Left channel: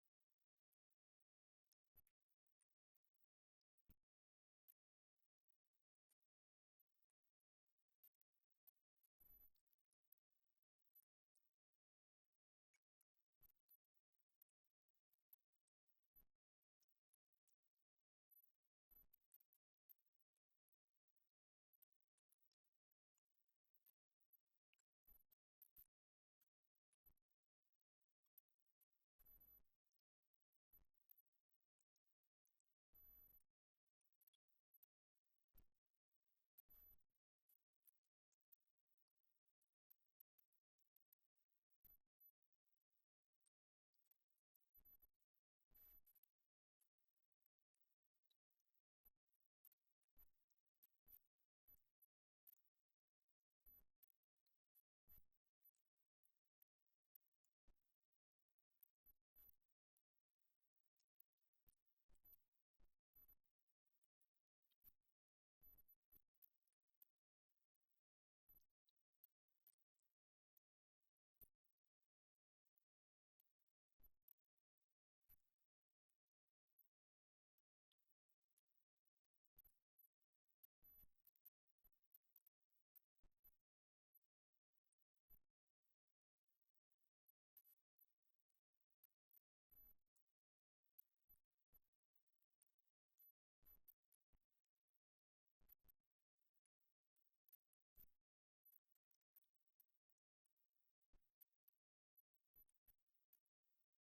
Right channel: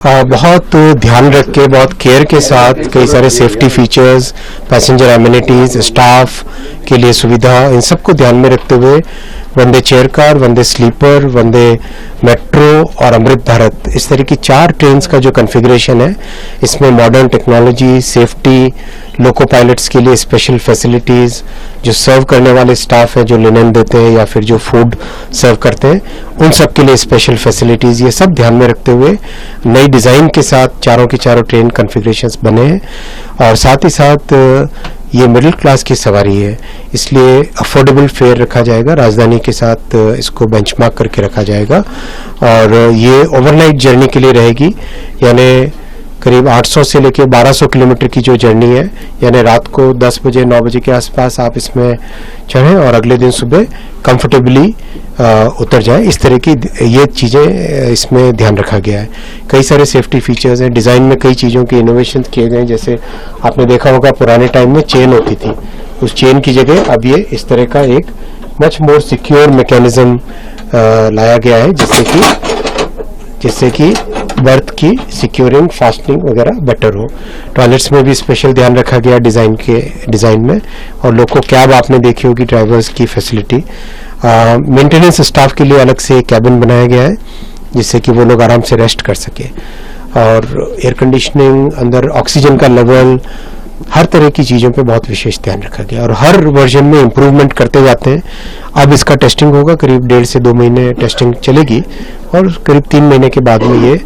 बहुत ध्यान रख के, बहुत केयर के साथ कई सारे safety features, passenger amenities, staff के लिए सुविधा, इन सबको ध्यान में रखते हुए वंदे चेयर कार, वंदे स्लीपर, वंदे मेट्रो और अमृत भारत, इस तरह की 4 ट्रेन्स का जो कॉन्फ़िगरेशन है, इसमें मॉडर्न टेक्नोलॉजी, सेफ्टी, लोको पायलट्स के लिए स्पेशल फैसिलिटीज़, जो सर्व करने वाले स्टाफ हैं, जो लिनन देते हैं या फिर जो फूड सर्व करते हैं, उन सब के लिए स्पेशल फैसिलिटीज़, ये सब ध्यान में रखते हुए नई डिज़ाइन के साथ चारों के चारों ट्रेन कॉन्फ़िगरेशंस बने हैं। और साथ ही साथ ये मिडिल क्लास की सवारी है, इसलिए अफोर्डेबल फेयर रखा जाएगा, राजधानी के साथ इसको बेंचमार्क करके रखा जाएगा। और ये ओवरनाइट जर्नी के लिए रहेगी, यानी करीब 800 से लेकर 1200 किलोमीटर की जो जर्नी है, यानी रात को 10 बजे 9 बजे के आसपास आप इसमें चढ़ें और अगले दिन सुबह कंफर्टेबली उतर जाएं। इस तरह की ये चीज़ें इसमें ध्यान रखा गया है। कई सारे सेफ्टी फीचर्स हैं, डिज़ाइन में कई चीज़ों के इनोवेशन किए गए हैं। जैसे आपने देखा होगा पुराने टाइम में चेन होती थी, उस चेन की जगह अब ये इस तरह का एक मच मोर सिक्योर मैकेनिज्म लाया गया है, जिससे कि बर्थ की सिक्योरिंग, फास्टनिंग वगैरह बेटर हो। टॉयलेट्स में भी स्पेशल ध्यान रखा गया डिज़ाइन में। और लोको कैब आपने देखी होगी, ड्राइवर्स की फैसिलिटी। मेंटेनेंस स्टाफ के लिए अलग से कैबिन बनाया गया है, जिससे कि वो लोग आराम से रेस्ट कर सके। और एयर कंडीशनिंग, अंदर ऑक्सीजन का लेवल, हर तरह की चीज़ों पे बहुत विशेष ध्यान रखा गया और हर वर्जन में इम्प्रूवमेंट करते जाते हैं। अब इसका टेस्टिंग होगा, करीब 1.5 से 2 महीने टेस्टिंग चलेगी और करीब 3 महीने के बाद में ये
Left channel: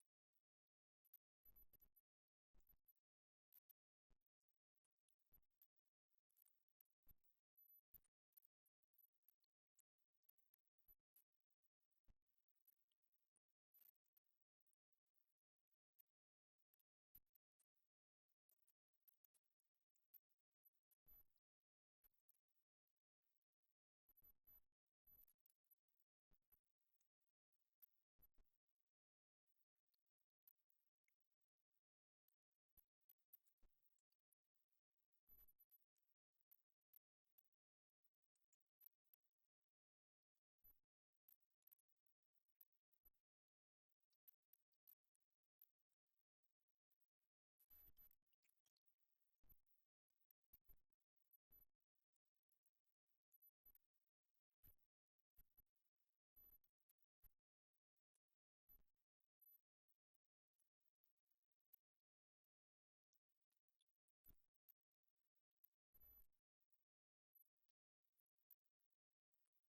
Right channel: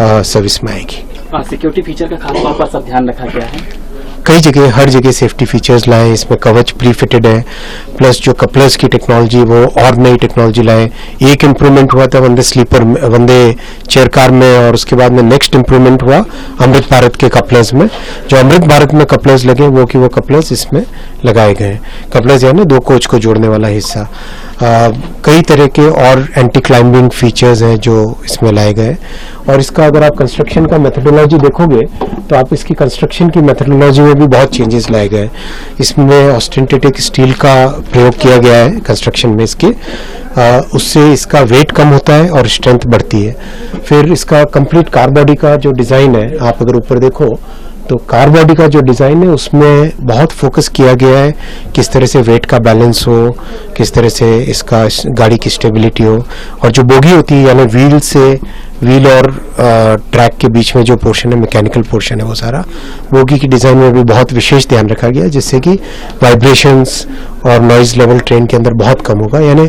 सर्विस में आएगी। सिक्योरिटी फीचर का खास तौर पर सब ध्यान रखा गया है। कई जगह, हर जगह सेफ्टी फीचर्स लाए, इसमें कवच प्री फिटेड है, प्लस जो कपलर्स की टेक्नोलॉजी वो और नई टेक्नोलॉजी लाए। एक इम्प्रूवमेंट हुआ था वंदे स्लीपर, वंदे चेयर कार में, और उसके बाद में नेक्स्ट इम्प्रूवमेंट हुआ अमृत भारत के कपलर्स में। जो अमृत भारत में कपलर्स लगे वो कपलर्स इसमें लगाए गए हैं। कपलर्स यानी 2 कोच को जोड़ने वाला हिस्सा। कई तरह के और एंटी क्लाइंबिंग फीचर्स हैं जो इसमें लाए गए। और इसका अगर आप कंस्ट्रक्शन का मेथडोलॉजी देखोगे तो आप इसकी कंस्ट्रक्शन की मेथडोलॉजी में भी बहुत चेंजेस लाए गए। इसमें ऑस्टेंटिक स्टील का प्रयोग किया गया है कंस्ट्रक्शन में इसके, उससे इसका वेट कम होता है और स्ट्रेंथ बढ़ती है। फिर इसका कंप्लीट कार बॉडी का जो डिज़ाइन है, आप अगर ऊपर देखो तो कार बॉडी का जो डिज़ाइन है उसमें बहुत फोकस किया गया है किस तरह से वेट का बैलेंस हो, किस तरह से इसका गाड़ी की स्टेबिलिटी हो। और जो बोगी होती है, यानी व्हील और ट्रैक के बीच में जो पोर्शन है, मैकेनिकल पोर्शन है, वो सारा बोगी की डिज़ाइन में भी बहुत विशेष ध्यान रखा गया, जिससे कि वाइब्रेशंस और नॉइज़ लेवल ट्रेन के अंदर बहुत कम होगा। यानी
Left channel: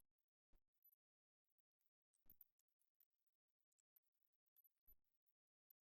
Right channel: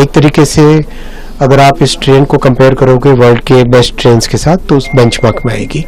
एक तरीके से अगर आप इस ट्रेन को कंपेयर करोगे वर्ल्ड के बेस्ट ट्रेन्स के साथ तो उस बेंचमार्क में आएगी।